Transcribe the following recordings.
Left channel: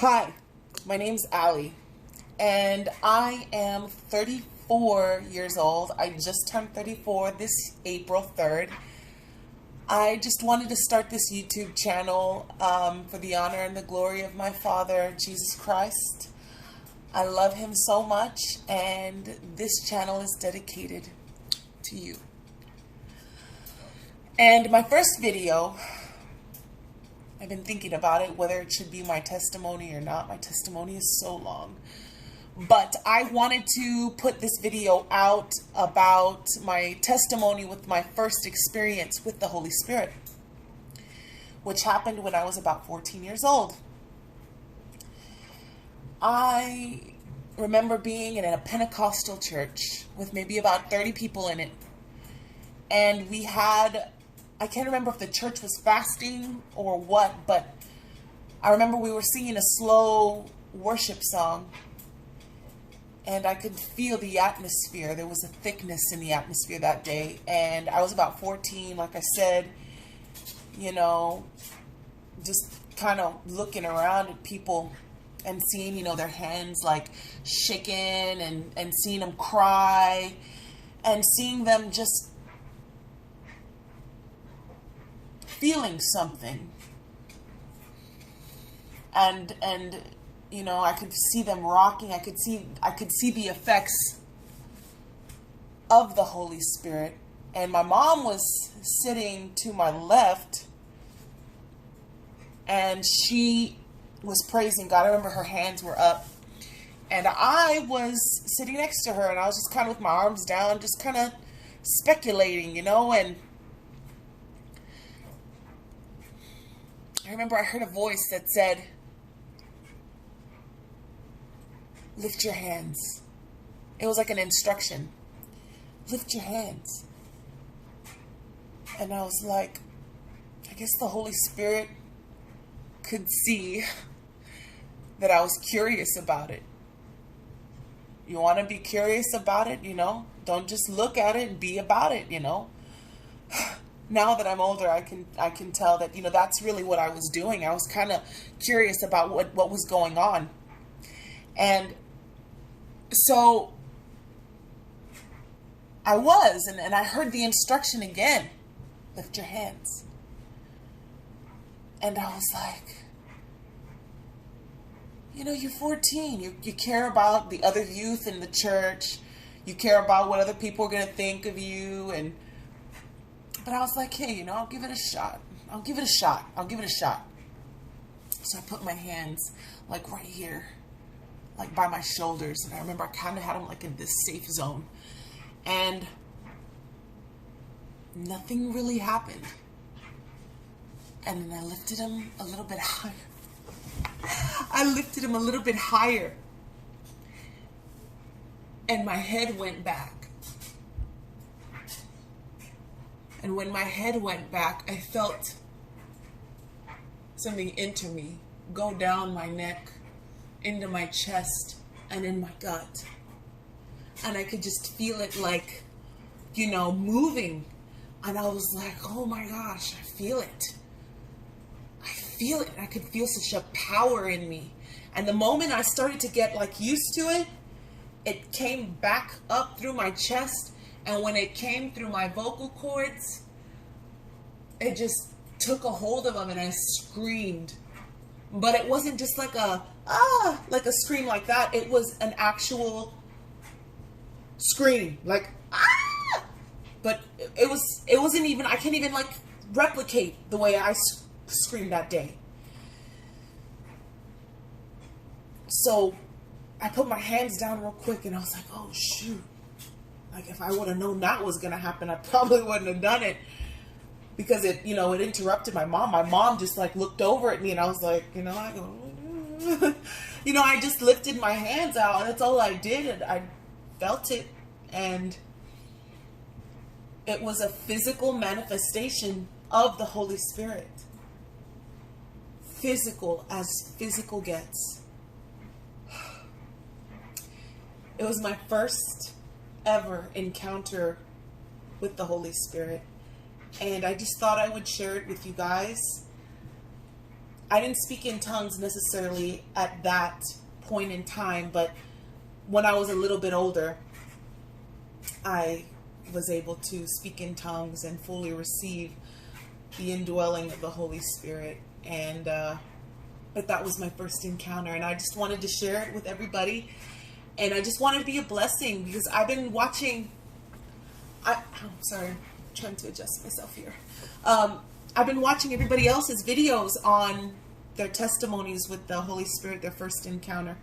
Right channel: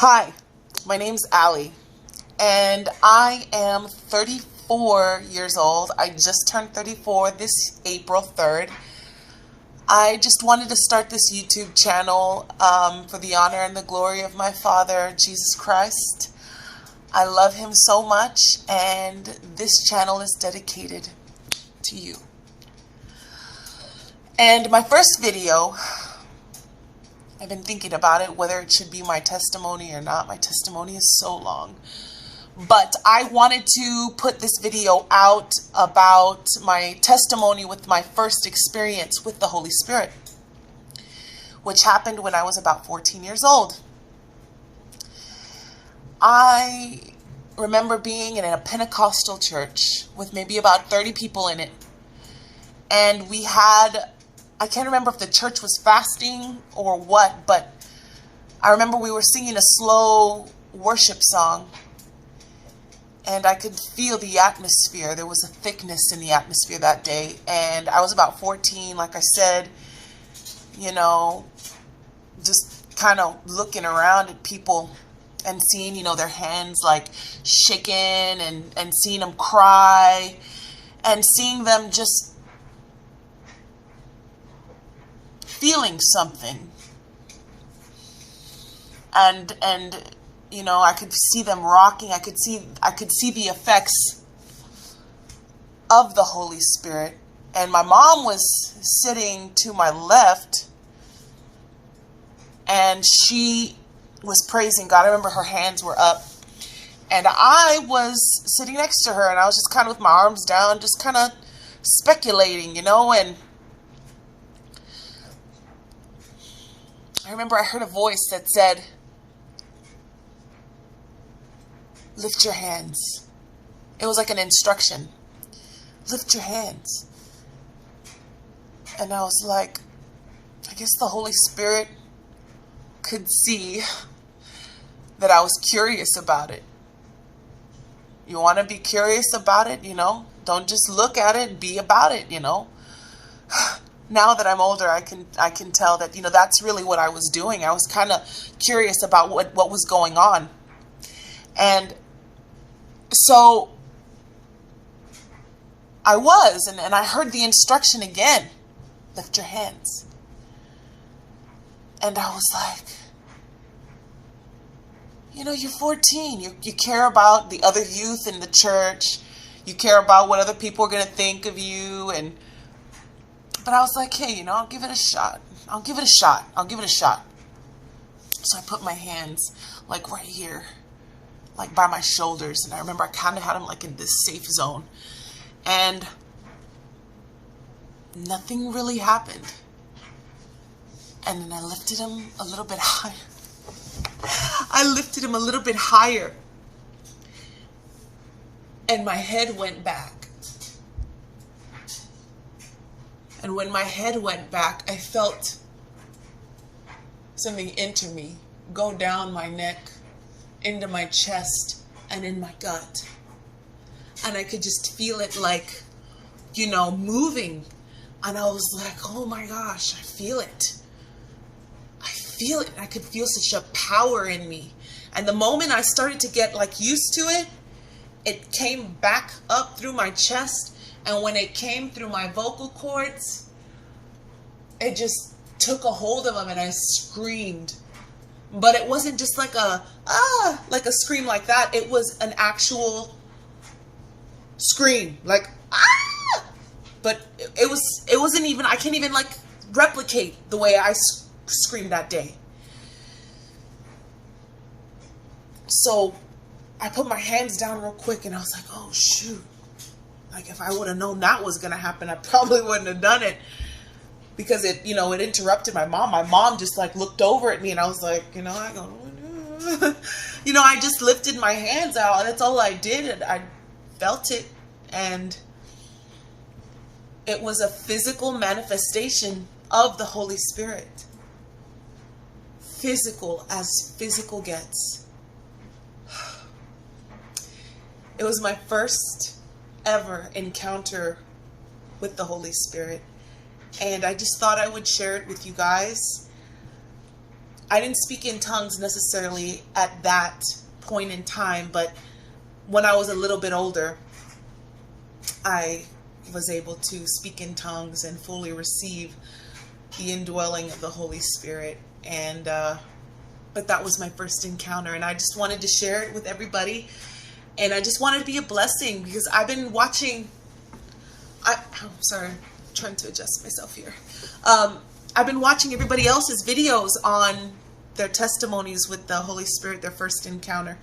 Hi, my name's Allie, and I am 34 years old. I just turned 34 this April 3rd. I just wanted to start this YouTube channel for the honor and the glory of my Father, Jesus Christ. I love him so much, and this channel is dedicated to you. And my first video, I've been thinking about it, whether it should be my testimony or not. My testimony is so long. But I wanted to put this video out about my testimony with my first experience with the Holy Spirit, which happened when I was about 14 years old. I remember being in a Pentecostal church with maybe about 30 people in it. And we had, I can't remember if the church was fasting or what, but I remember we were singing a slow worship song. And I could feel the atmosphere. There was a thickness in the atmosphere that day. And I was about 14, like I said, you know, just kind of looking around at people and seeing, you know, their hands like shaking and seeing them cry and seeing them just feeling something. And you know, I could see them rocking. I could see the effects of the Holy Spirit. And my mom was sitting to my left, and she was praising God. I remember her hands were up, and I was sitting next to her, and I was just kind of with my arms down, just kind of speculating, you know. And I remember I heard a voice that said, "Lift your hands." It was like an instruction. Lift your hands. And I was like, I guess the Holy Spirit could see that I was curious about it. You want to be curious about it, you know? Don't just look at it, be about it, you know? Now that I'm older, I can tell that, you know, that's really what I was doing. I was kind of curious about what was going on. And so I was, and I heard the instruction again, lift your hands. And I was like, you know, you're 14. You care about the other youth in the church. You care about what other people are going to think of you. But I was like, hey, you know, I'll give it a shot. I'll give it a shot. So I put my hands like right here, like by my shoulders. And I remember I kind of had them like in this safe zone. And nothing really happened. And then I lifted him a little bit higher. I lifted him a little bit higher. And my head went back. And when my head went back, I felt something enter me, go down my neck, into my chest, and in my gut. And I could just feel it like, you know, moving. And I was like, oh my gosh, I feel it. I feel it. I could feel such a power in me. And the moment I started to get like used to it, it came back up through my chest. And when it came through my vocal cords, it just took a hold of them and I screamed. But it wasn't just like like a scream like that. It was an actual scream, like ah! But it wasn't even, I can't even like replicate the way I screamed that day. So I put my hands down real quick and I was like, oh shoot. Like if I would have known that was gonna happen, I probably wouldn't have done it. Because it, you know, it interrupted my mom. My mom just like looked over at me and I was like, you know, I go, you know, I just lifted my hands out and that's all I did. And I felt it. And it was a physical manifestation of the Holy Spirit. Physical as physical gets. It was my first ever encounter with the Holy Spirit. And I just thought I would share it with you guys. I didn't speak in tongues necessarily at that point in time, but when I was a little bit older, I was able to speak in tongues and fully receive the indwelling of the Holy Spirit. And but that was my first encounter, and I just wanted to share it with everybody. And I just wanted to be a blessing, because I've been watching. Sorry, I'm trying to adjust myself here. I've been watching everybody else's videos on their testimonies with the Holy Spirit, their first encounter.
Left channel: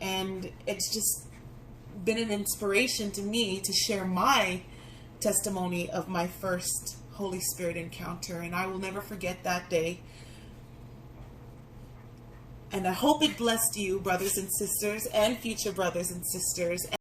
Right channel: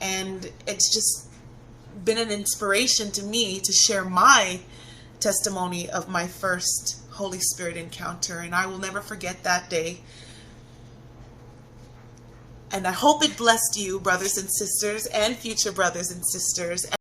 And it's just been an inspiration to me to share my testimony of my first Holy Spirit encounter. And I will never forget that day. And I hope it blessed you, brothers and sisters, and future brothers and sisters.